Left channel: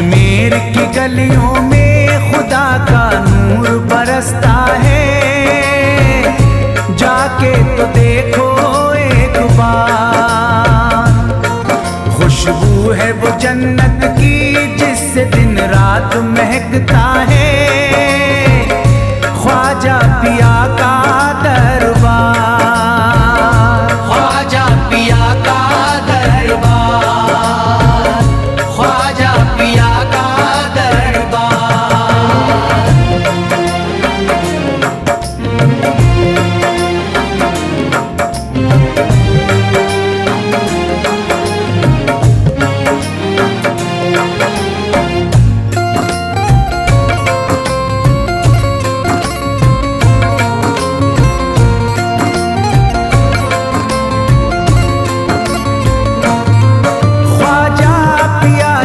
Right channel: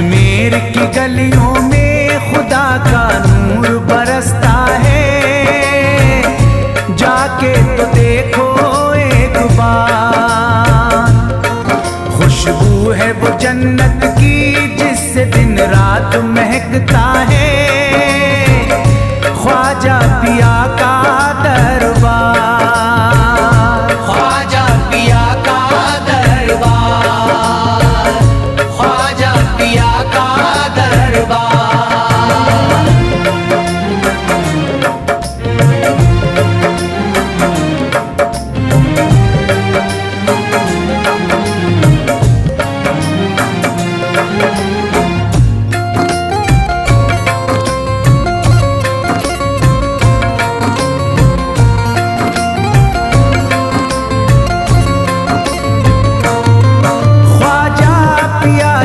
अजमेर की गलियों में खुदा का नूर बरसता है, जाके तो देखो एक बार। खुशबू है वो जन्नत की जिससे दिन रात महकता है, ख्वाजा पिया का दरबार, ख्वाजा पिया का दरबार, ख्वाजा पिया का दरबार।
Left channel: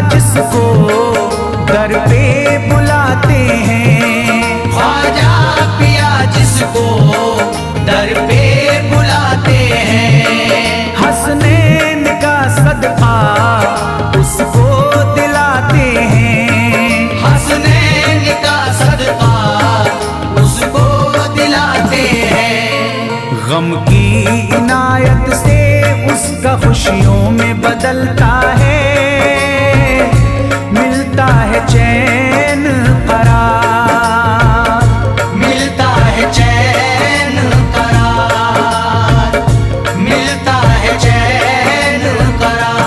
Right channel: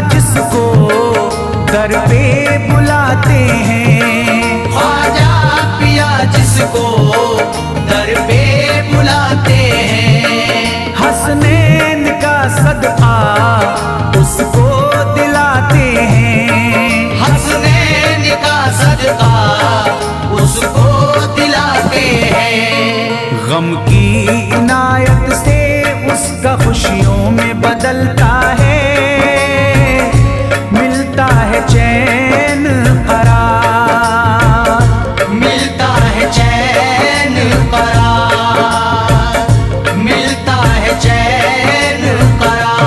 जिसको दर पे बुलाते हैं, ख्वाजा पिया जिसको दर पे बुलाते हैं, हसनैन का सदका उसको दिलाते हैं, हसनैन का सदका उसको दिलाते हैं। गम की इनायत से उसका खुशियों में बदलता है, मिलता है चैन करार, मिलता है चैन करार, मिलता है चैन करार।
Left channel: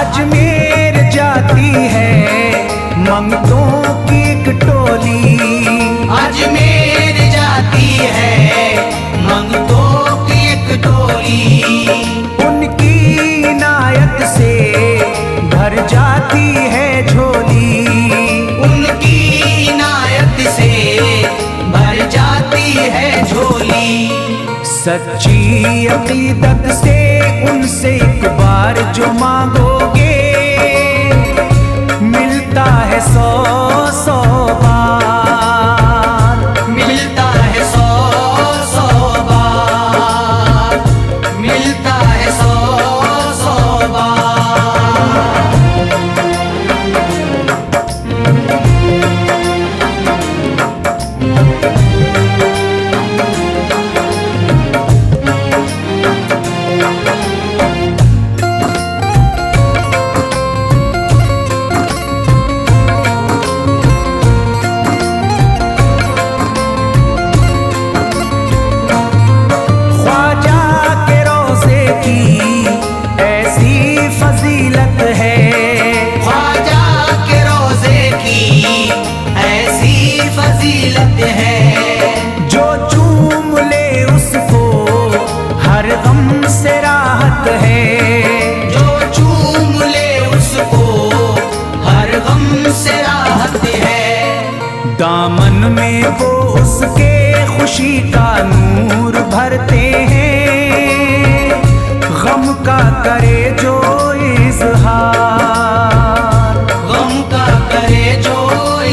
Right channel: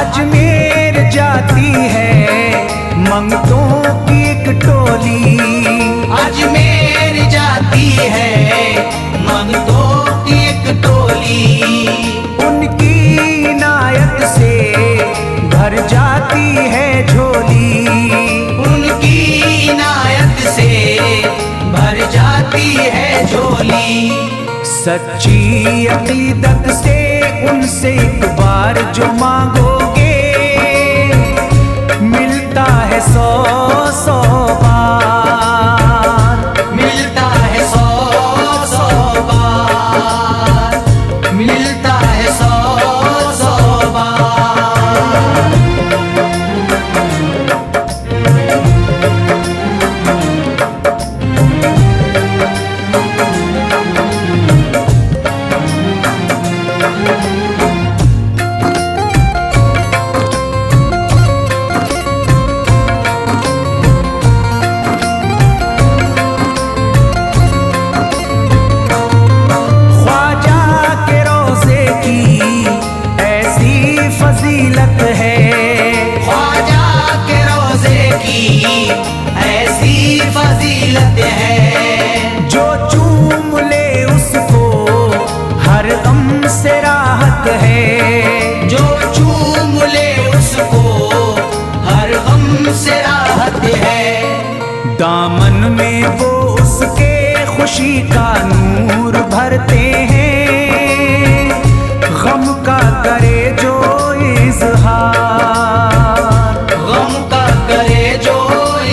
अजमेर जाती है मंगतों की एक टोली, अजमेर जाती है मंगतों की एक टोली, उनकी इनायत से भर जाती है झोली, उनकी इनायत से भर जाती है झोली। सच्ची अकीदत से उनसे एक बार जो मांगोगे, मिलता है 100 बार, मिलता है 100 बार, मिलता है 100 बार। फजीलत है ख्वाजा के रोज़े की ऐसी फजीलत है, जो चूम ले उसको हर गम से राहत है, जो चूम ले उसको हर गम से राहत है। दामन में वो उसके खुशी का नूर भरते हैं, गम का करे जो इज़हार, गम का करे जो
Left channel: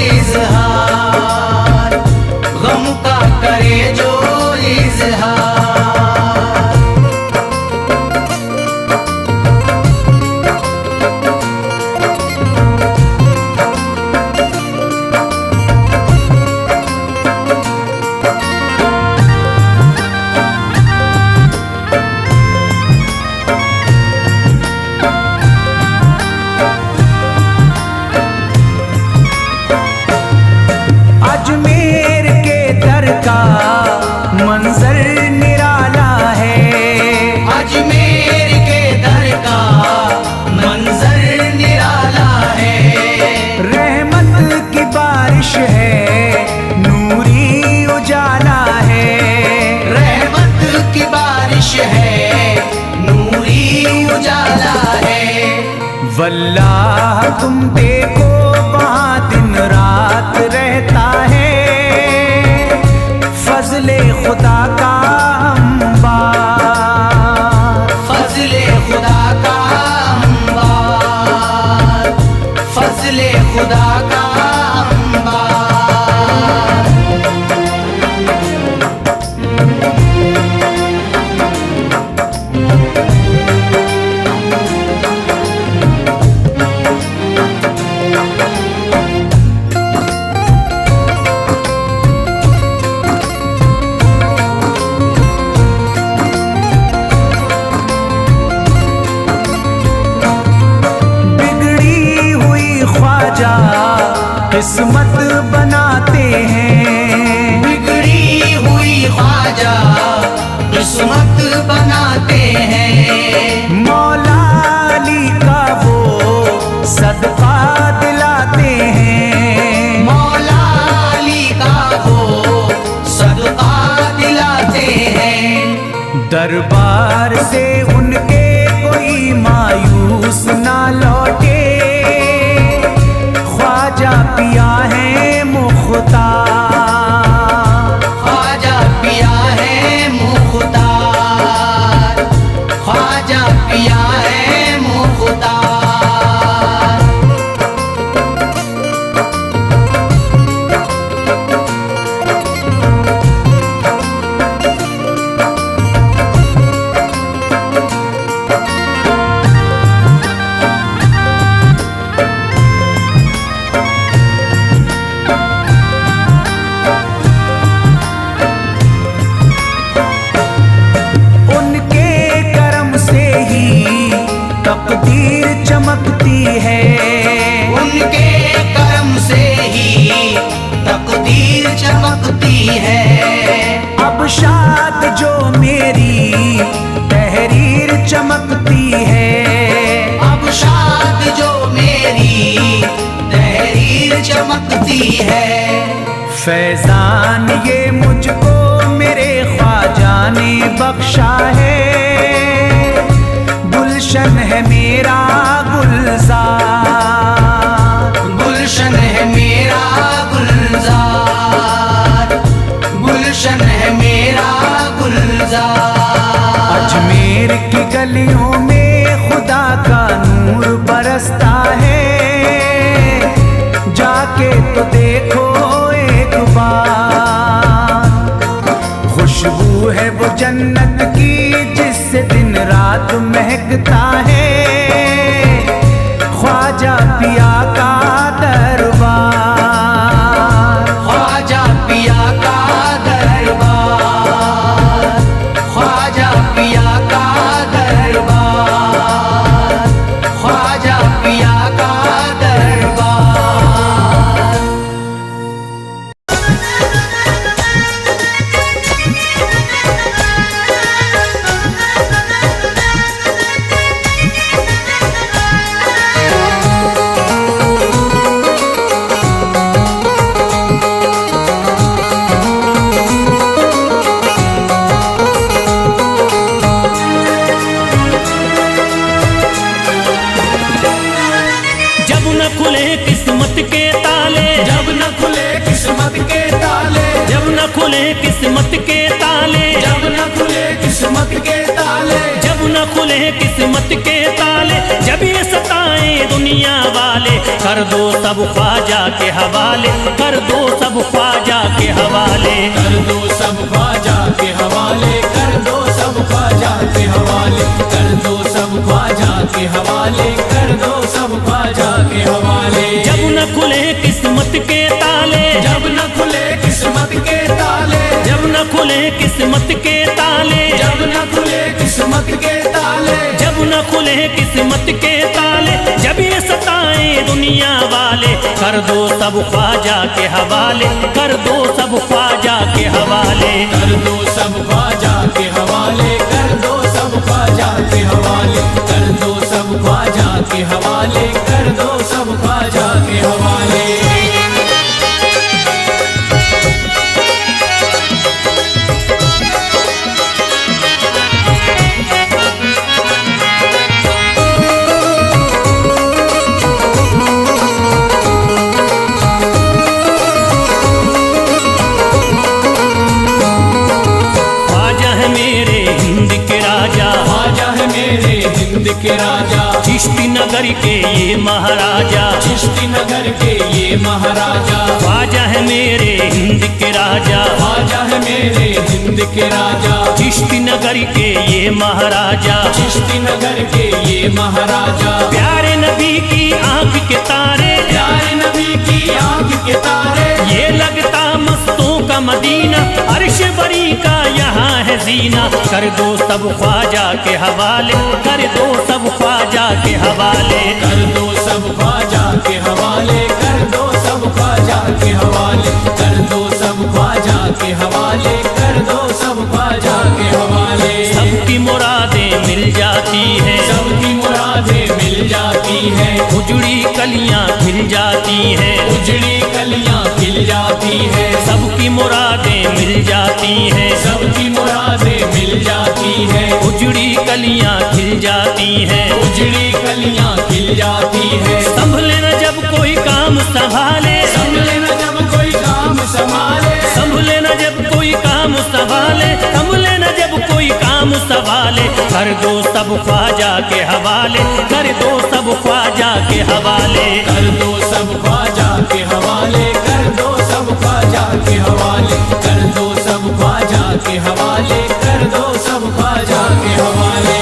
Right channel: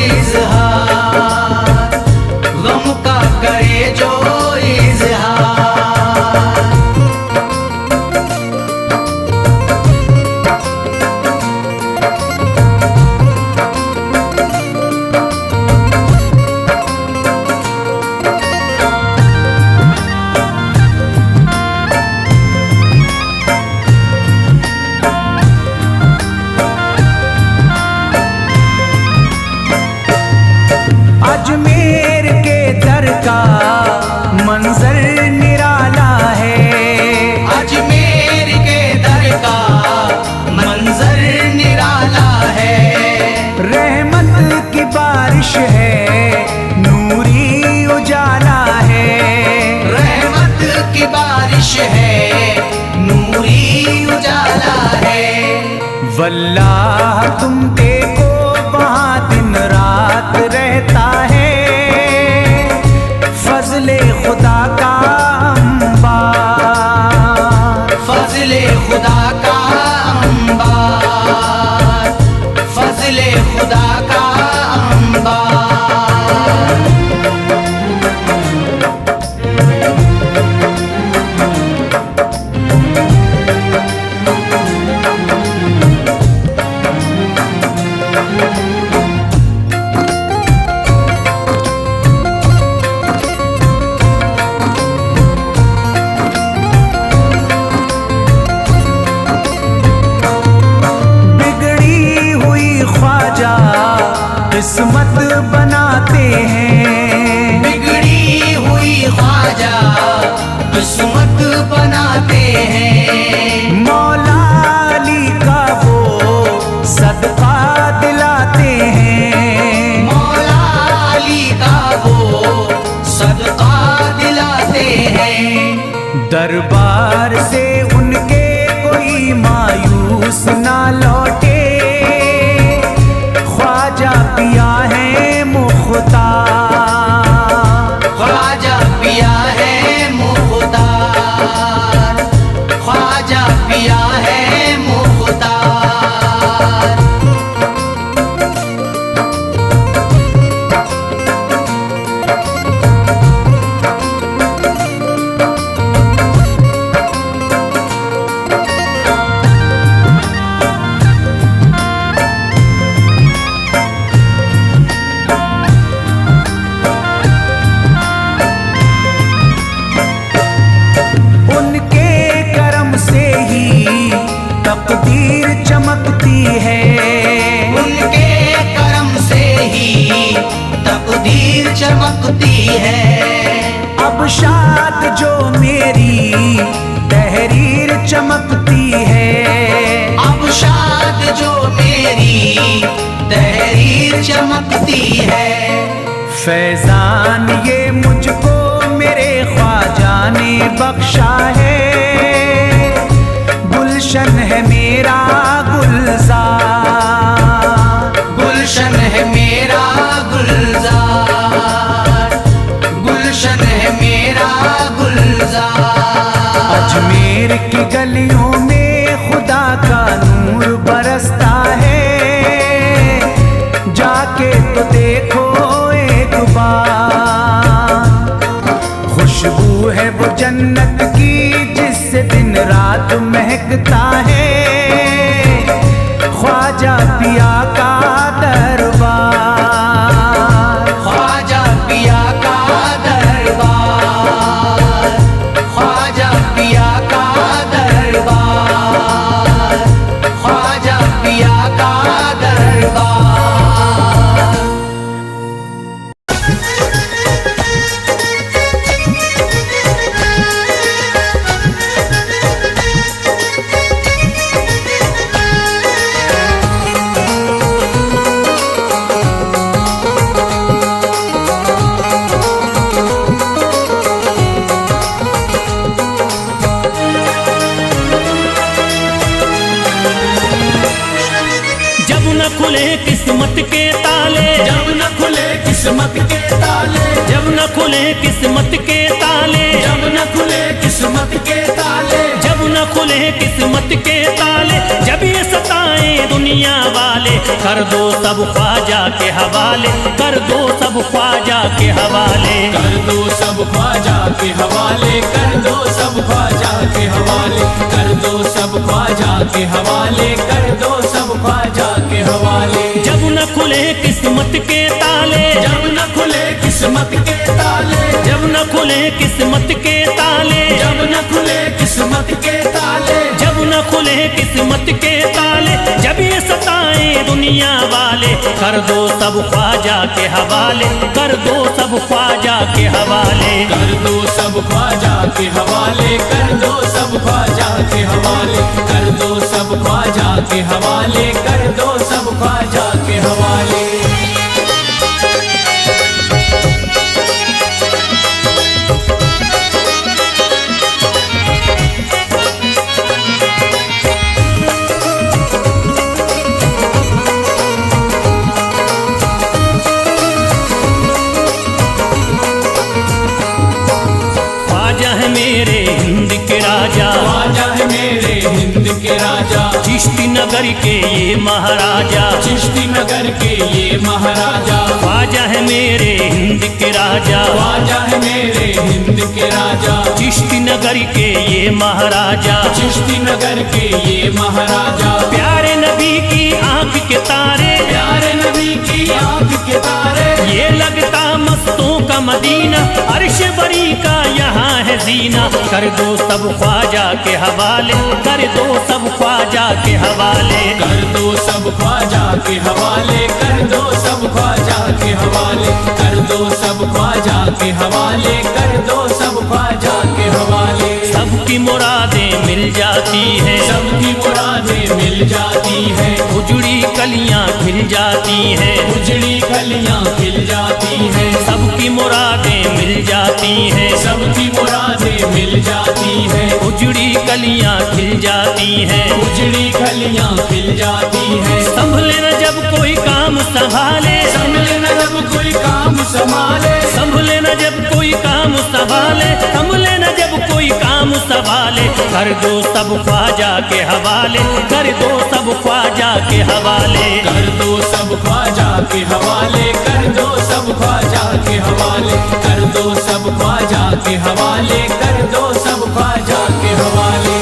इज़हार, गम का करे जो इज़हार। अजमेर के दर का मंजर निराला है, अजमेर के दर का मंजर निराला है। रहमत की बारिश है, नूरी उजाला है, रहमत की बारिश है, नूरी उजाला है। वल्लाह तुम देखो वहाँ दिन रात रहता है, फजले खुदा का अंबार, फजले खुदा का अंबार, फजले खुदा का अंबार। किस्मत बनाते हैं, बिगड़ी हुई ख्वाजा किस्मत बनाते हैं। मौला अली का वो सदका दिलाते हैं, मौला अली का वो सदका दिलाते हैं। दरबार से उनके कोई मायूस ना लौटे, ख्वाजा पिया है मुख्तार, ख्वाजा पिया है मुख्तार, ख्वाजा पिया है मुख्तार। तकदीर चमकती है, उनके करम से ही तकदीर चमकती है। अब शाद जो मेरी तहरीर चमकती है, अब शाद जो मेरी तहरीर चमकती है। फैजान ये मुझको मेरे ख्वाजा ने बख्शा है, गुलशन है मेरा गुलजार, गुलशन है मेरा गुलजार, गुलशन है मेरा गुलजार। अजमेर की गलियों में खुदा का नूर बरसता है, जाके तो देखो एक बार। खुशबू है वो जन्नत की जिससे दिन रात महकता है, ख्वाजा पिया का दरबार, ख्वाजा पिया का दरबार, ख्वाजा पिया का दरबार, ख्वाजा पिया का दरबार। खुले किस्मत के ताले, जब न खुले किस्मत के ताले, जब न खुले किस्मत के ताले, जब न खुले किस्मत के ताले, जब न खुले किस्मत के ताले, जब ये सताए दुनिया वाले, कर दो सब ख्वाजा के हवाले, कर दो सब ख्वाजा के हवाले, कर दो सब ख्वाजा के हवाले, कर दो सब ख्वाजा के हवाले, कर दो सब ख्वाजा के हवाले, कर दो सब ख्वाजा के हवाले। जब न खुले किस्मत के ताले, जब न खुले किस्मत के ताले, जब न खुले किस्मत के ताले, जब न खुले किस्मत के ताले, जब न खुले किस्मत के ताले, जब ये सताए दुनिया वाले, कर दो सब ख्वाजा के हवाले, कर दो सब ख्वाजा के हवाले, कर दो सब ख्वाजा के हवाले, कर दो सब ख्वाजा के हवाले, कर दो सब ख्वाजा के हवाले, कर दो सब ख्वाजा के हवाले। नगर के ये महाराजा, चिश्ती नगर के ये महाराजा, ख्वाजा है मेरे हिंद के राजा, ख्वाजा है मेरे हिंद के राजा, चिश्ती नगर के ये महाराजा, चिश्ती नगर के ये महाराजा, प्यारे नबी की आंख के तारे, प्यारे नबी की आंख के तारे, ये लगता मस्तों का मदीना, अर्श बरी का यहाँ है जीना। कर दो सब ख्वाजा के हवाले, कर दो सब ख्वाजा के हवाले, कर दो सब ख्वाजा के हवाले, कर दो सब ख्वाजा के हवाले, कर दो सब ख्वाजा के हवाले, कर दो सब ख्वाजा के हवाले। सबकी मुरादें मिल जाती हैं, सबकी मुरादें मिल जाती है, उजड़ी कलियां खिल जाती हैं, उजड़ी कलियां खिल जाती है, सबकी मुरादें मिल जाती हैं, सबकी मुरादें मिल जाती है, उजड़ी कलियां खिल जाती हैं। उजड़ी कलियां खिल जाती है। संभले न जब कोई काम संभाले, संभले न जब कोई काम संभाले, संभले न जब कोई काम संभाले, संभले न जब कोई काम संभाले, कर दो सब ख्वाजा के हवाले, कर दो सब ख्वाजा के हवाले, कर दो सब ख्वाजा के हवाले, कर दो सब ख्वाजा के हवाले, कर दो सब ख्वाजा के हवाले, कर दो सब ख्वाजा के हवाले।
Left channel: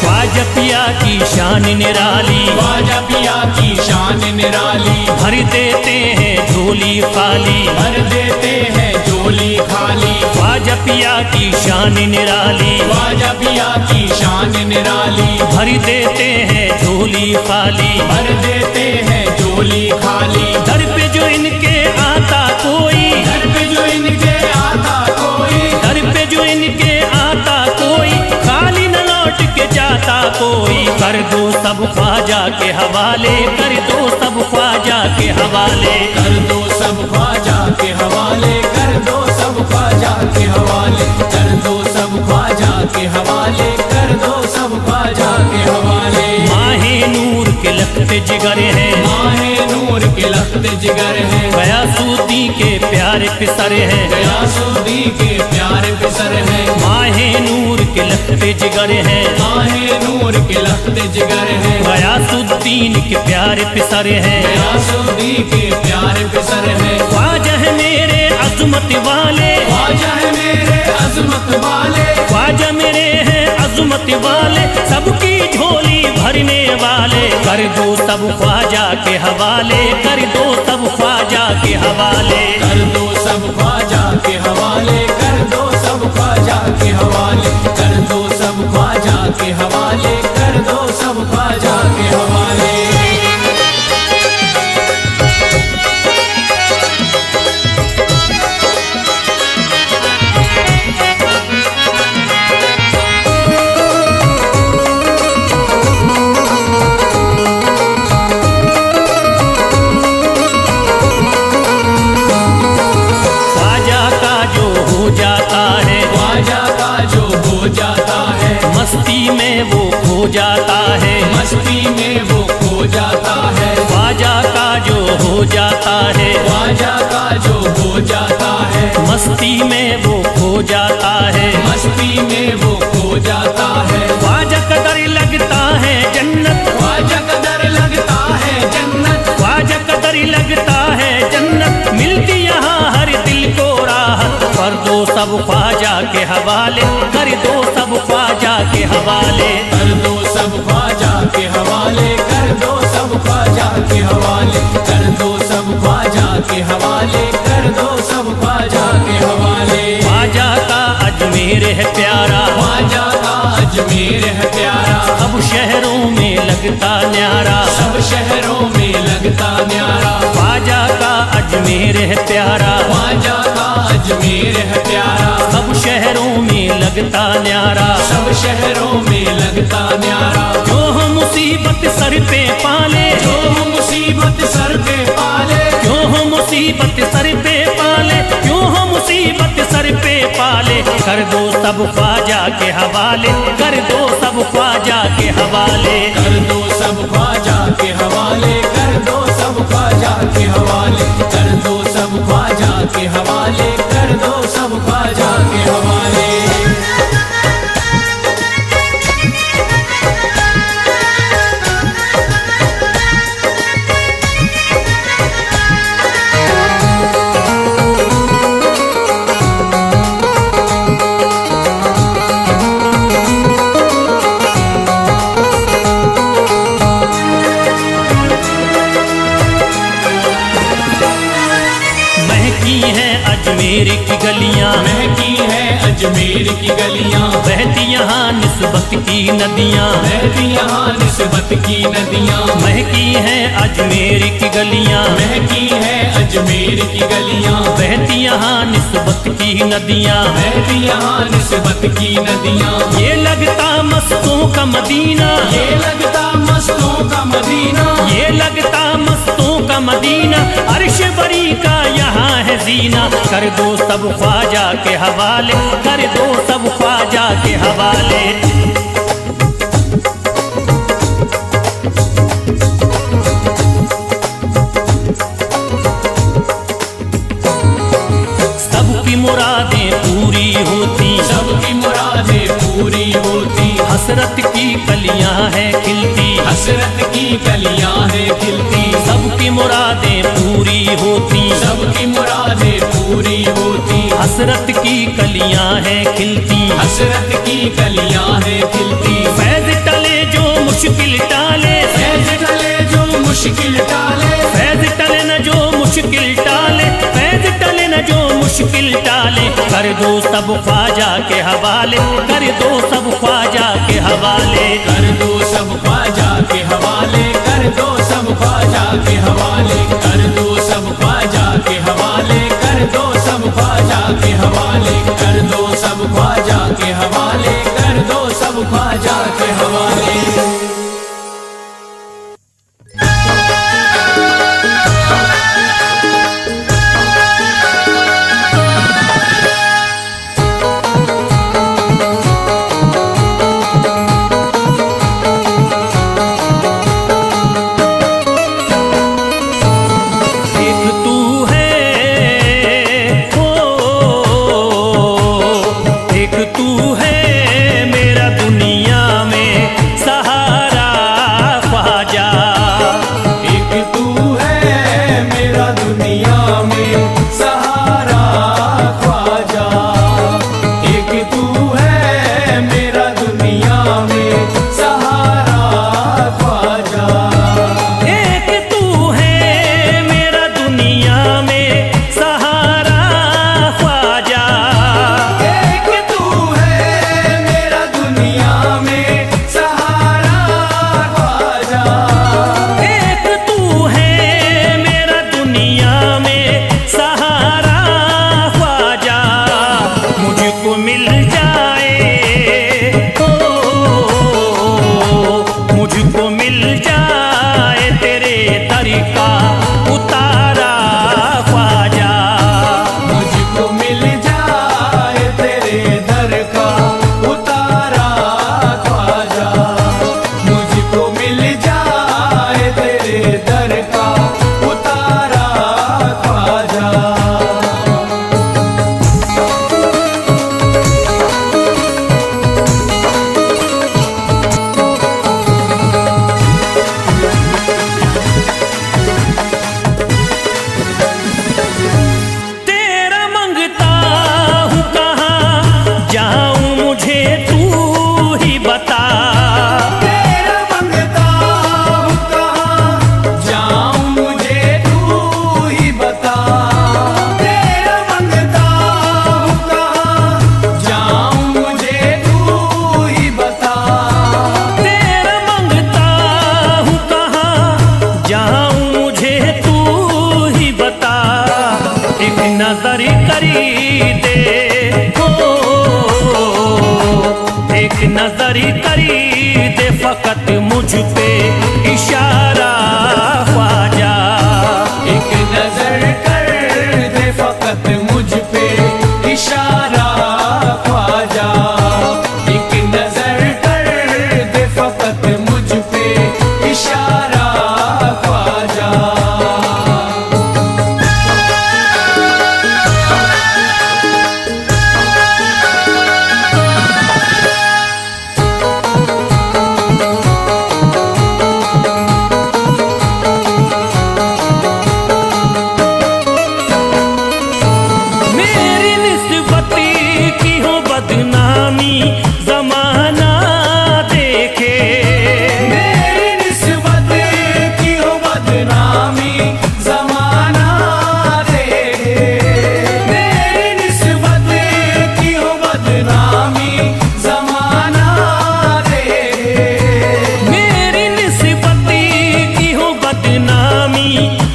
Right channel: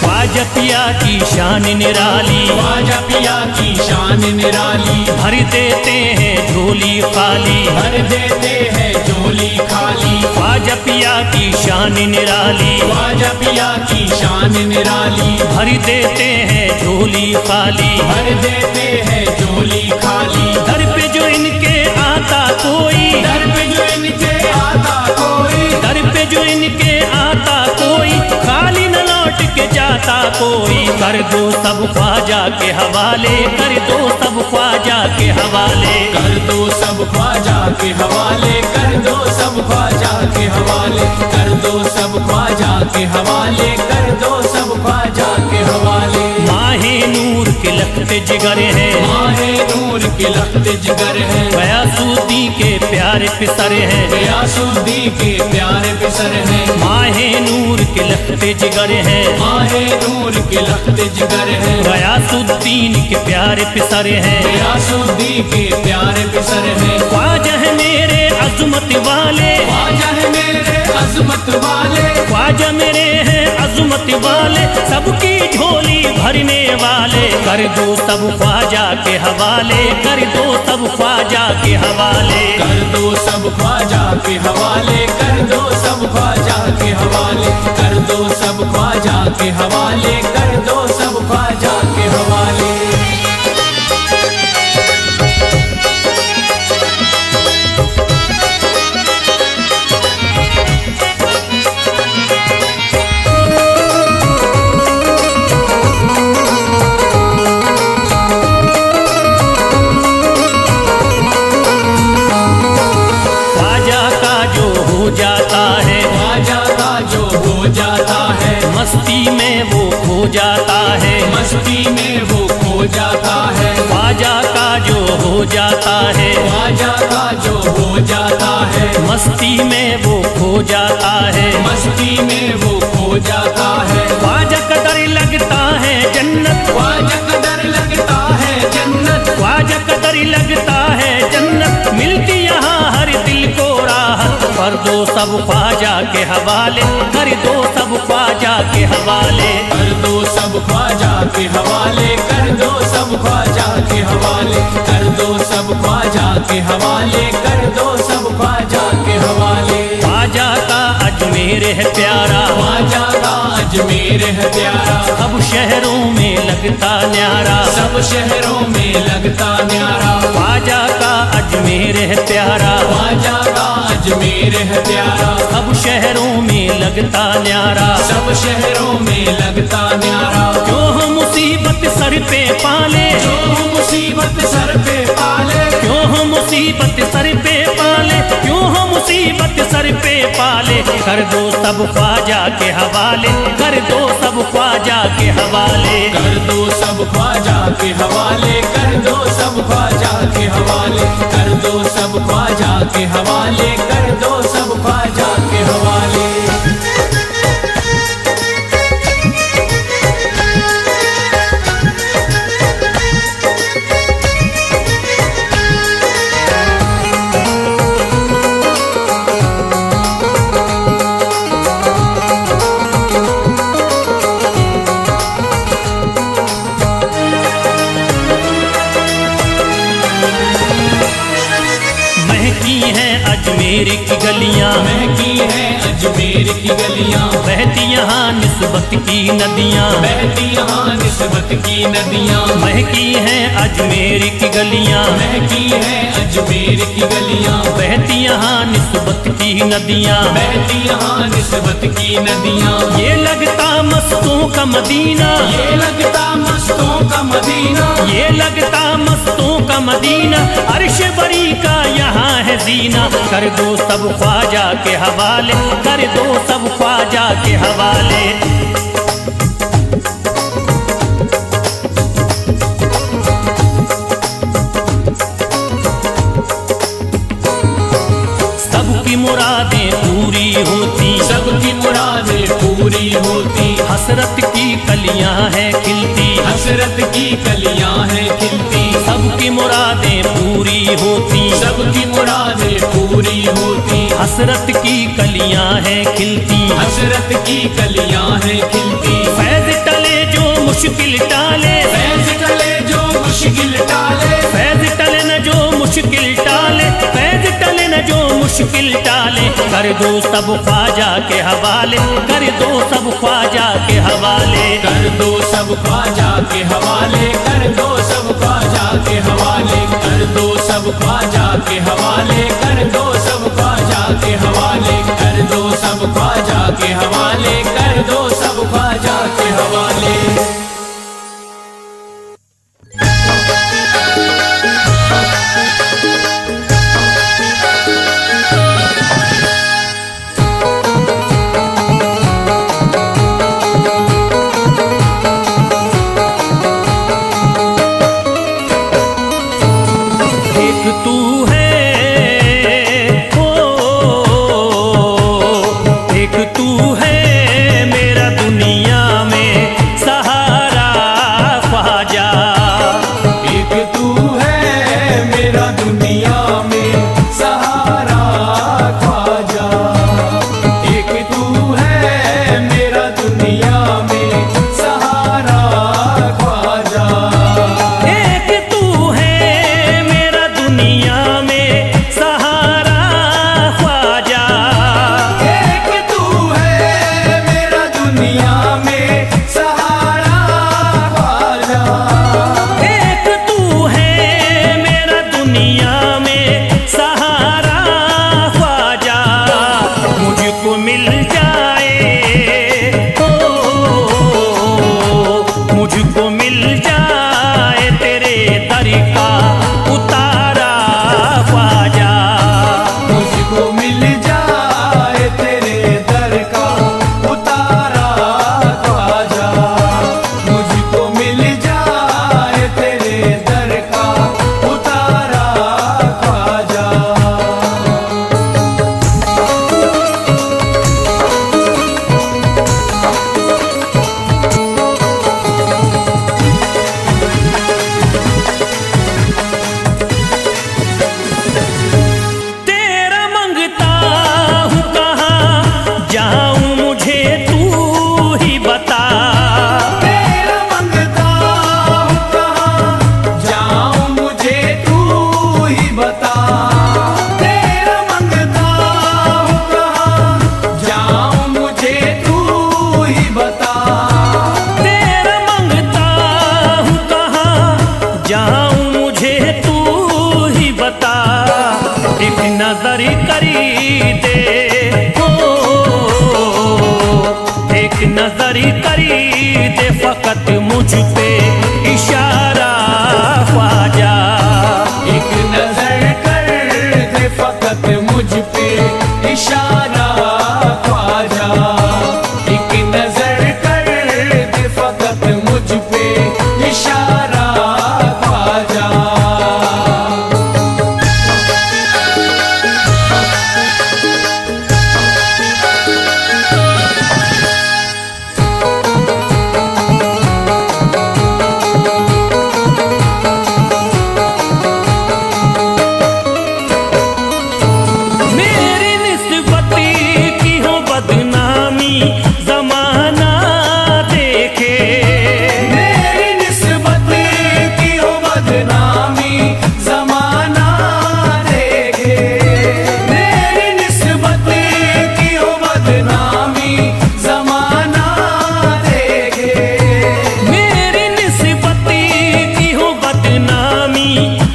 ख्वाजा पिया की शान निराली, ख्वाजा पिया की शान निराली, भर देते हैं झोली खाली, भर देते हैं झोली खाली, ख्वाजा पिया की शान निराली, ख्वाजा पिया की शान निराली, भर देते हैं झोली खाली, भर देते हैं झोली खाली। दर पे जो इनके आता कोई, दर पे जो इनके आता कोई, दर पे जो इनके आता कोई, खाली न लौट के जाता कोई, कर दो सब ख्वाजा के हवाले, कर दो सब ख्वाजा के हवाले, कर दो सब ख्वाजा के हवाले, कर दो सब ख्वाजा के हवाले, कर दो सब ख्वाजा के हवाले, कर दो सब ख्वाजा के हवाले। माहे नूर के लखते जिगर हैं, माहे नूर के लखते जिगर हैं, गयासुद्दीन के प्यारे पिसर हैं, गयासुद्दीन के प्यारे पिसर हैं, माहे नूर के लखते जिगर हैं, माहे नूर के लखते जिगर हैं, गयासुद्दीन के प्यारे पिसर हैं, गयासुद्दीन के प्यारे पिसर हैं। ख्वाजा है मेरे अजमत वाले, ख्वाजा है मेरे अजमत वाले, ख्वाजा मेरे हैं अजमत वाले, सबकी झोली भरने वाले, कर दो सब ख्वाजा के हवाले, कर दो सब ख्वाजा के हवाले, कर दो सब ख्वाजा के हवाले, कर दो सब ख्वाजा के हवाले, कर दो सब ख्वाजा के हवाले, कर दो सब ख्वाजा के हवाले। जाता है, ख्वाजा का जो हो जाता है, मस्ती में वो खो जाता है, मस्ती में वो खो जाता है, ख्वाजा का जो हो जाता है, ख्वाजा का जो हो जाता है, मस्ती में वो खो जाता है, मस्ती में वो खो जाता है। ख्वाजा का दर लगता है जन्नत, ख्वाजा का दर लगता है जन्नत, ख्वाजा का दर लगता है जन्नत, मिलती यहाँ हर दिल को राहत, कर दो सब ख्वाजा के हवाले, कर दो सब ख्वाजा के हवाले, कर दो सब ख्वाजा के हवाले, कर दो सब ख्वाजा के हवाले, कर दो सब ख्वाजा के हवाले, कर दो सब ख्वाजा के हवाले। ख्वाजा का अजमेर है प्यारा, ख्वाजा का अजमेर है प्यारा, सब शहरों में लगता न्यारा, सब शहरों में लगता न्यारा, ख्वाजा का अजमेर है प्यारा, ख्वाजा का अजमेर है प्यारा, सब शहरों में लगता न्यारा, सब शहरों में लगता न्यारा। जो हम मुसीबत सर पे पाले, जो मुसीबत सर पे पाले, क्यों हम मुसीबत मुसीबत सर पे पाले, क्यों हो मुसीबत सर पे पाले, कर दो सब ख्वाजा के हवाले, कर दो सब ख्वाजा के हवाले, कर दो सब ख्वाजा के हवाले, कर दो सब ख्वाजा के हवाले, कर दो सब ख्वाजा के हवाले, कर दो सब ख्वाजा के हवाले। महकी हैं अजमेर की गलियां, महकी है अजमेर की गलियां, बहती यहाँ निस्बत की नदियां, बहती यहाँ निस्बत की नदियां, महकी हैं अजमेर की गलियां, महकी है अजमेर की गलियां, बहती यहाँ निस्बत की नदियां, बहती यहाँ निस्बत की नदियां। ये लगता मस्तों का मदीना, ये लगता मस्तों का मदीना, ये लगता मस्तों का मदीना, अर्श बरी का यहाँ है जीना, कर दो सब ख्वाजा के हवाले, कर दो सब ख्वाजा के हवाले। सबकी मुरादें पूरी होती, सबकी मुरादें पूरी होती, हसरत की कलियां हैं खिलती, हसरत की कलियां हैं खिलती, सबकी मुरादें पूरी होती, सबकी मुरादें पूरी होती, हसरत की कलियां हैं खिलती, हसरत की कलियां हैं खिलती। फैज टले जो मुश्किल टाले, फैज टले जो मुश्किल टाले, फैज टले न जो मुश्किल टाले, फैज टले न जो मुश्किल टाले, कर दो सब ख्वाजा के हवाले, कर दो सब ख्वाजा के हवाले, कर दो सब ख्वाजा के हवाले, कर दो सब ख्वाजा के हवाले, कर दो सब ख्वाजा के हवाले, कर दो सब ख्वाजा के हवाले, कर दो सब ख्वाजा के हवाले, कर दो सब ख्वाजा के हवाले। एक तू है ओ, एक तू है मेरा दुनिया में सहारा ख्वाजा, एक तू है मेरा दुनिया में सहारा ख्वाजा, एक तू है मेरा दुनिया में सहारा ख्वाजा, एक तू है मेरा दुनिया में सहारा ख्वाजा, एक तू है मेरा दुनिया में सहारा ख्वाजा, एक तू है मेरा दुनिया में सहारा ख्वाजा, मुझको मिल जाए ओ, मुझको मिल जाए तेरे दर का उतारा ख्वाजा, मुझको मिल जाए तेरे दर का उतारा ख्वाजा, मुझको मिल जाए तेरे दर का उतारा ख्वाजा। तेरा मंगता हूँ कहाँ जाऊँ मुझे तू ही बता, तेरा मंगता हूँ कहाँ जाऊँ मुझे तू ही बता, तेरा मंगता हूँ कहाँ जाऊँ मुझे तू ही बता, तेरा मंगता हूँ कहाँ जाऊँ मुझे तू ही बता, एक नजर करी दे ओ, एक नजर करी दे फकत मुझ पे इशारा ख्वाजा, एक नजर कर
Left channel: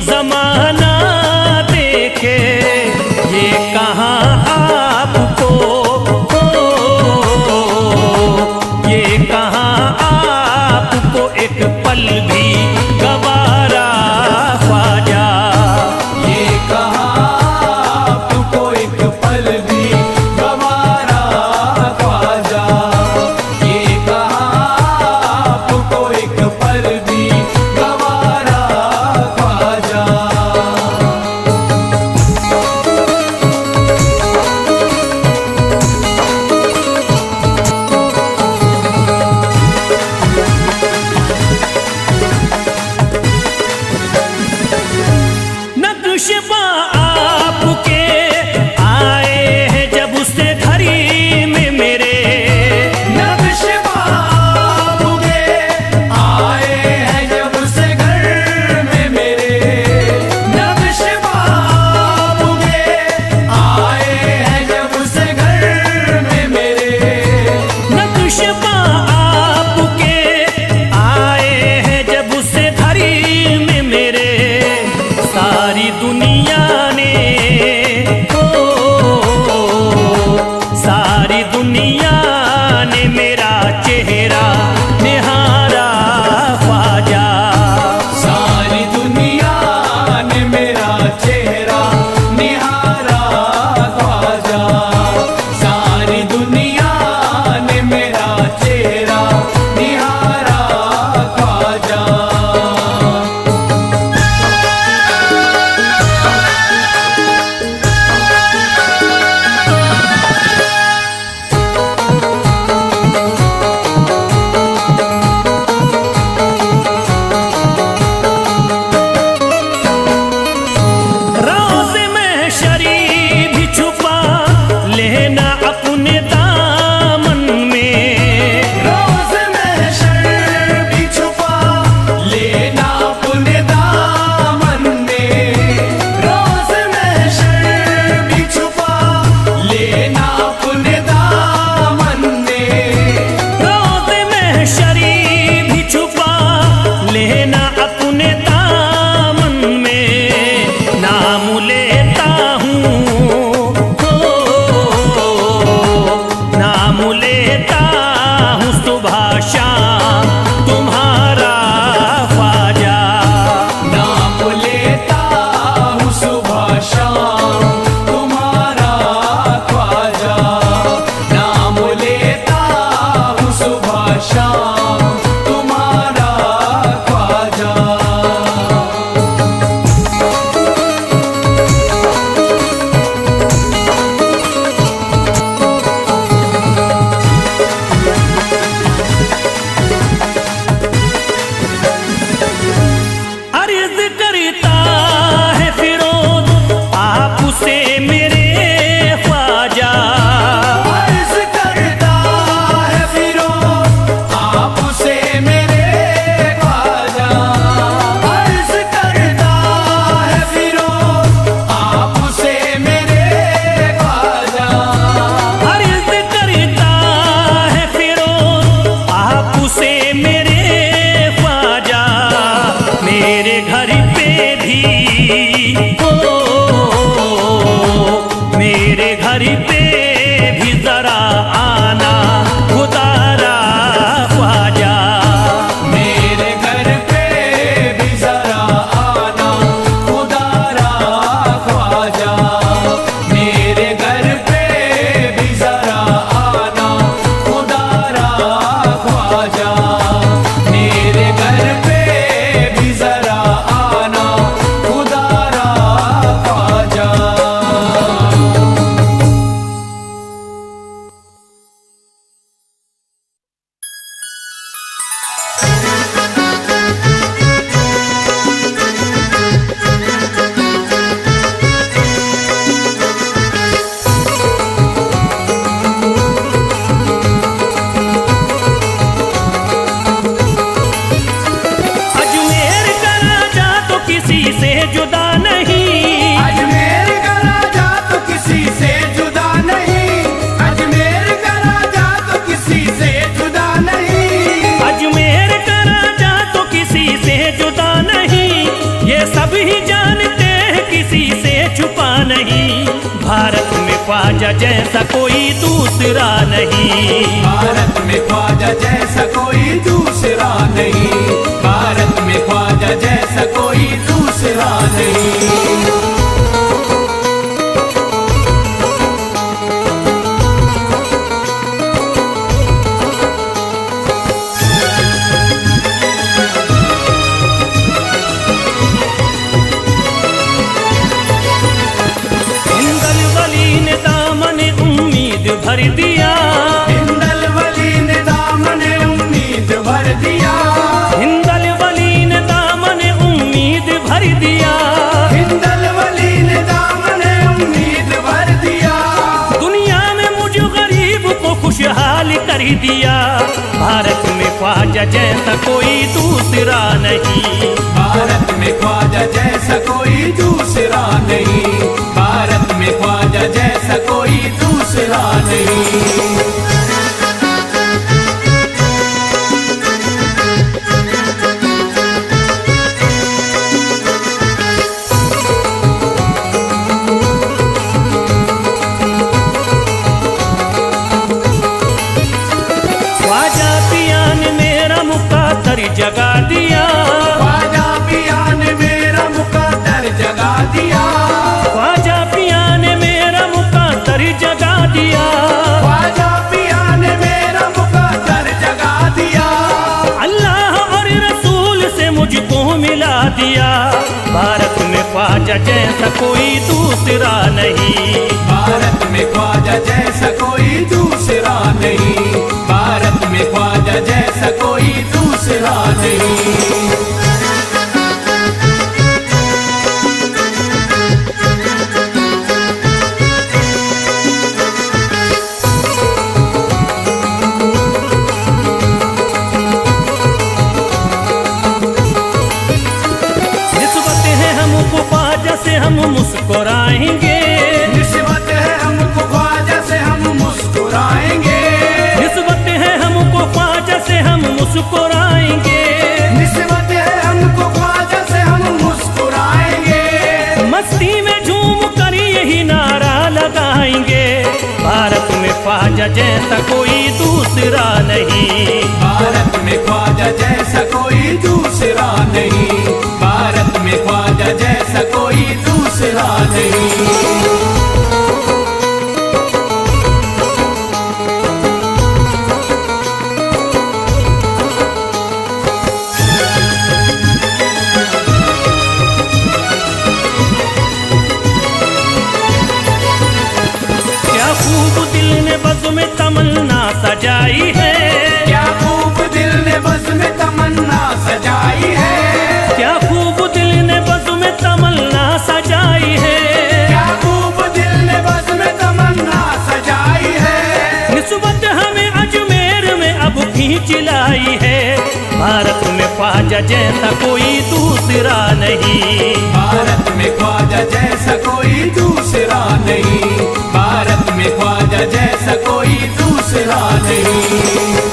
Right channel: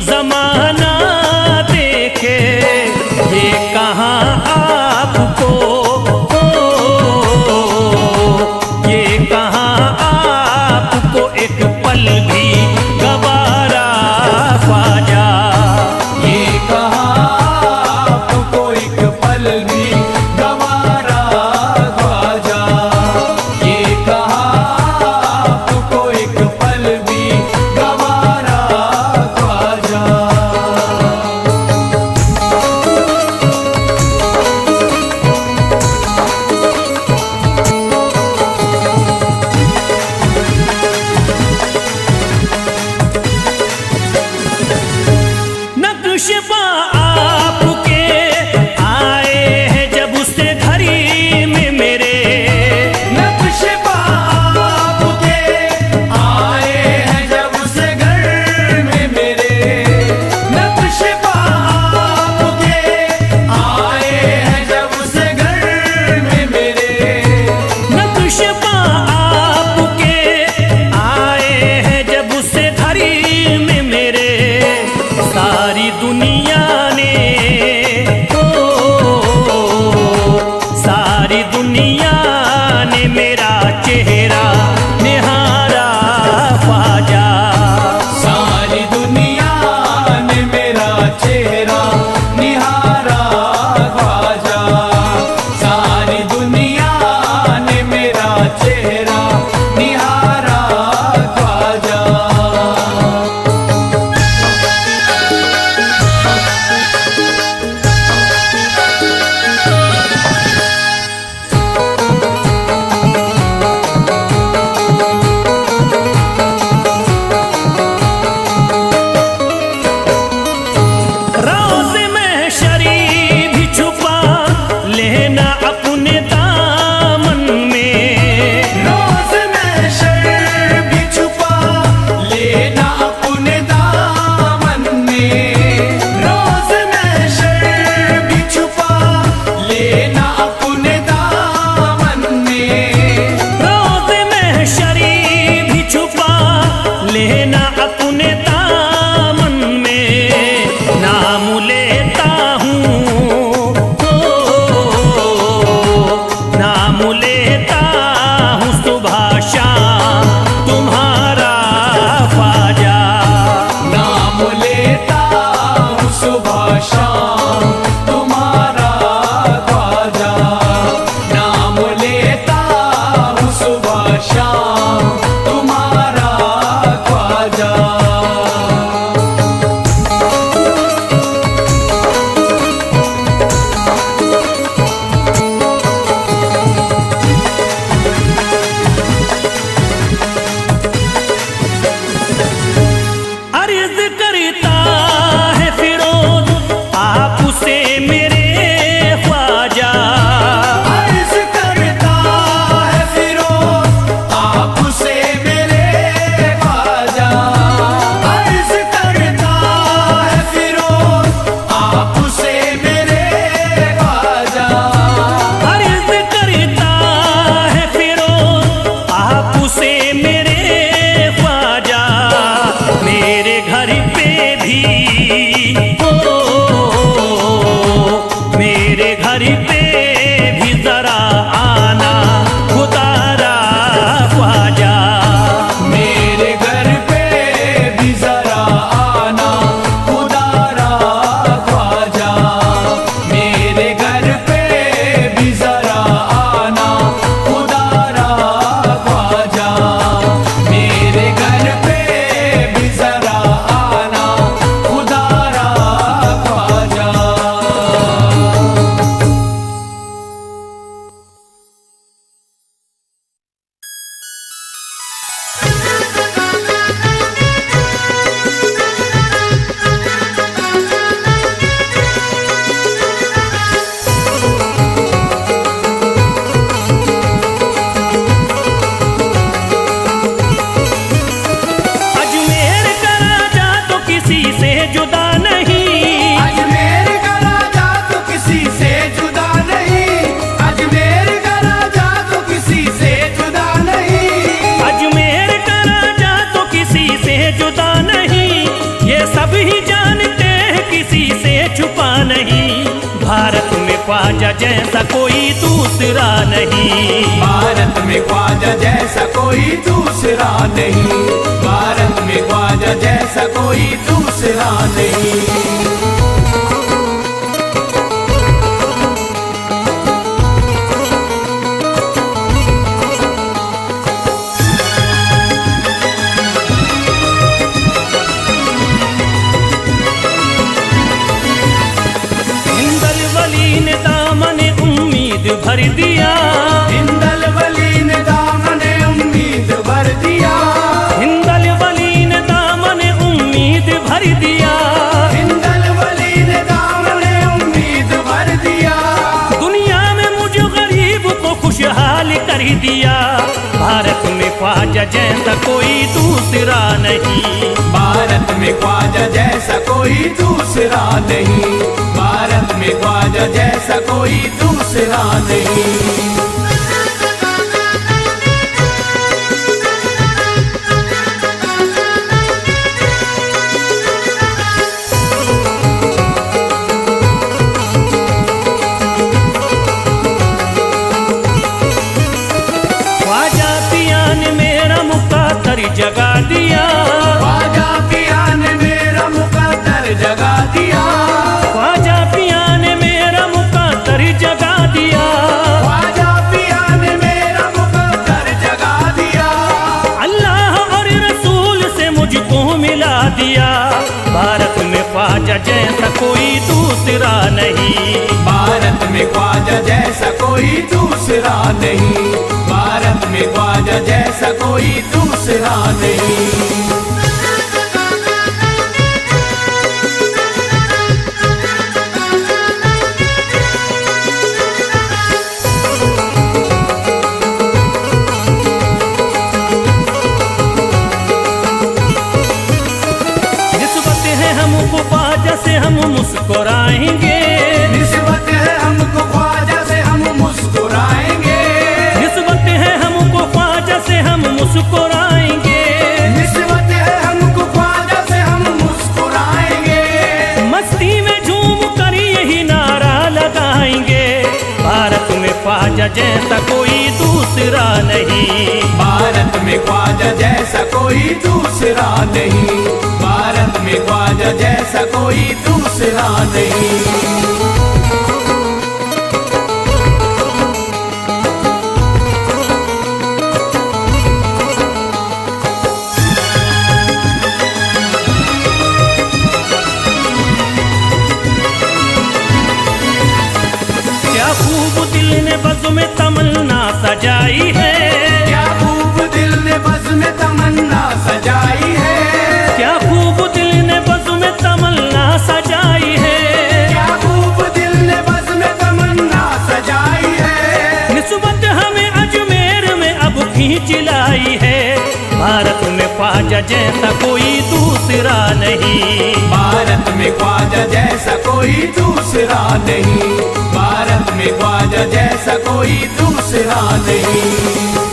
जमाना देखे, ये कहाँ आपको ये कहाँ आपको एक पल भी गवारा ख्वाजा। ये कहाँ आपको एक पल भी गवारा ख्वाजा। ये कहाँ आपको एक पल भी गवारा ख्वाजा। नक्शबा आपके आए हैं जब से घड़ी में मेरे, नक्शबा आपके आए हैं जब से घर में मेरे। नक्शबा आपके आए हैं जब से घर में मेरे। नक्शबा आपके आए हैं जब से घड़ी में मेरे। सारी दुनिया ने सारी दुनिया ने मेरा चेहरा निहारा ख्वाजा। सारी दुनिया ने मेरा चेहरा निहारा ख्वाजा। सारी दुनिया ने मेरा चेहरा निहारा ख्वाजा। राज़ में शरी भी छुपा लेना अपने दामन में। रोज़ में शर भी छुपा लेना अपने दामन में। रोज़ में शर भी छुपा लेना अपने दामन में। राज़ में शरी भी छुपा लेना अपने दामन में। नाम लेता हूँ नाम लेता हूँ सुबह शाम तुम्हारा ख्वाजा। नाम लेता हूँ सुबह शाम तुम्हारा ख्वाजा। नाम लेता हूँ सुबह शाम तुम्हारा ख्वाजा। अर्ज़ करता है फिरोज आपसे मेरे ख्वाजा। अर्ज़ करता है फिरोज आपसे मेरे ख्वाजा। अर्ज़ करता है फिरोज आपसे मेरे ख्वाजा। अर्ज़ करता है फिरोज आपसे मेरे ख्वाजा। मेरे घर पे भी मेरे घर पे भी जरा आना खुदारा ख्वाजा। मेरे घर पे भी जरा आना खुदारा ख्वाजा। मेरे घर पे भी जरा आना खुदारा ख्वाजा। मेरे घर पे भी जरा आना खुदारा ख्वाजा। अजमेर का राजा तो किसी से जुदा नहीं। अजमेर का राजा तो किसी से जुदा नहीं। अजमेर का राजा तो किसी से जुदा नहीं। अजमेर का राजा तो किसी से जुदा नहीं। ये ये सब ही जानते हैं किसी से छुपा नहीं, भारत में ख्वाजा जैसा कोई दूसरा नहीं। भारत में ख्वाजा जैसा कोई दूसरा नहीं, भारत में ख्वाजा जैसा कोई दूसरा नहीं। वली ने दामन उम्मीद भर दिया, हिंदल वली ने दामन उम्मीद भर दिया, हिंदल वली ने दामन उम्मीद भर दिया, हिंदल वली ने दामन उम्मीद भर दिया। दुनिया में मुझ गरीब को खुशहाल कर दिया, भारत में ख्वाजा जैसा कोई दूसरा नहीं। भारत में ख्वाजा जैसा कोई दूसरा नहीं, भारत में ख्वाजा जैसा कोई दूसरा नहीं। ख्वाजा पिया ने मेरा मुकद्दर जगा दिया, ख्वाजा पिया ने मेरा मुकद्दर जगा दिया, ख्वाजा पिया ने मेरा मुकद्दर जगा दिया, ख्वाजा पिया ने मेरा मुकद्दर जगा दिया। अल्लाह और रसूल से मुझको मिला दिया, भारत में ख्वाजा जैसा कोई दूसरा नहीं। भारत में ख्वाजा जैसा कोई दूसरा नहीं, भारत में ख्वाजा जैसा कोई दूसरा नहीं। निस्बत है हमको ख्वाजा से हम मुस्कुराएंगे, निस्बत है हमको ख्वाजा से हम मुस्कुराएंगे, निस्बत है हमको ख्वाजा से हम मुस्कुराएंगे, निस्बत है हमको ख्वाजा से हम मुस्कुराएंगे। मस्ती में झूम कर यही नारा लगाएंगे, भारत में ख्वाजा जैसा कोई दूसरा नहीं। भारत में ख्वाजा जैसा कोई दूसरा नहीं, भारत में ख्वाजा जैसा कोई दूसरा नहीं। क्या खूब दिल ने बज़्म में तमन्ना सजाई है, क्या खूब दिल ने बज़्म में तमन्ना सजाई है, क्या खूब दिल ने बज़्म में तमन्ना सजाई है, क्या खूब दिल ने बज़्म में तमन्ना सजाई है। निस्बत हमें अजमेर में अब खींच लाई है, भारत में ख्वाजा जैसा कोई दूसरा नहीं। भारत में ख्वाजा जैसा कोई दूसरा नहीं, भारत में ख्वाजा जैसा कोई दूसरा नहीं।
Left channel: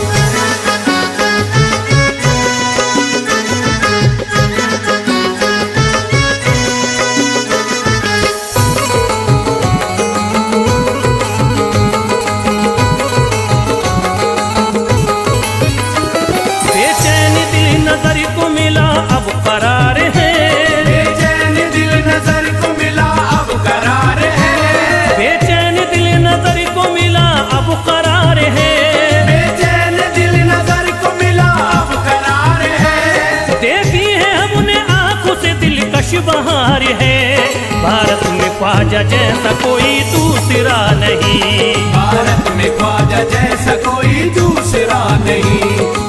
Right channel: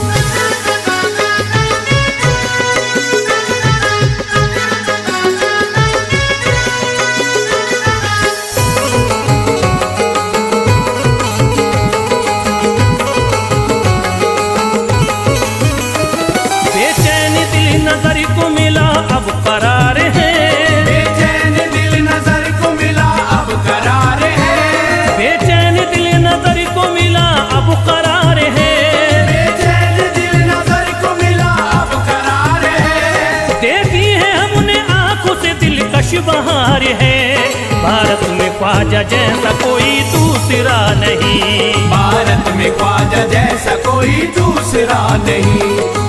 बेचैन दिल नजर को मिला अब करार है, बेचैन दिल नजर को मिला अब करार है, बेचैन दिल नजर को मिला अब करार है, बेचैन दिल नजर को मिला अब करार है। देखी है हमने आंखों से दिलकश बहार है, भारत में ख्वाजा जैसा कोई दूसरा नहीं। भारत में ख्वाजा जैसा कोई दूसरा नहीं,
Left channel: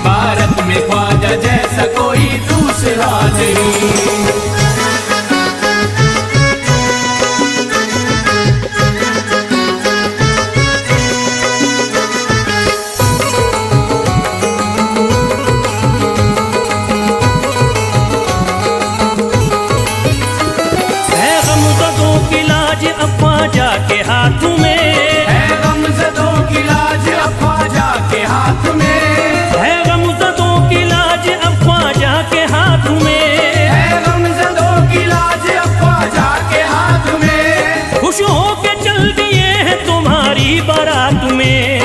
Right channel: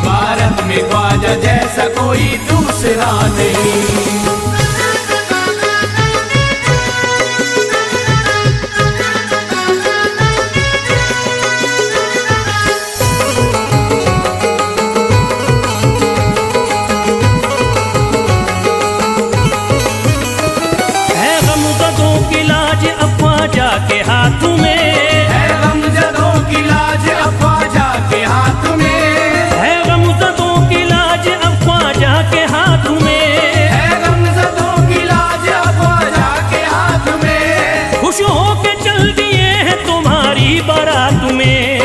भारत में ख्वाजा जैसा कोई दूसरा नहीं। है गमज़दों की लाज अब ख्वाजा के हाथ में, है गमज़दों की लाज अब ख्वाजा के हाथ में, है गमज़दों की लाज अब ख्वाजा के हाथ में, है गमज़दों की बारात में।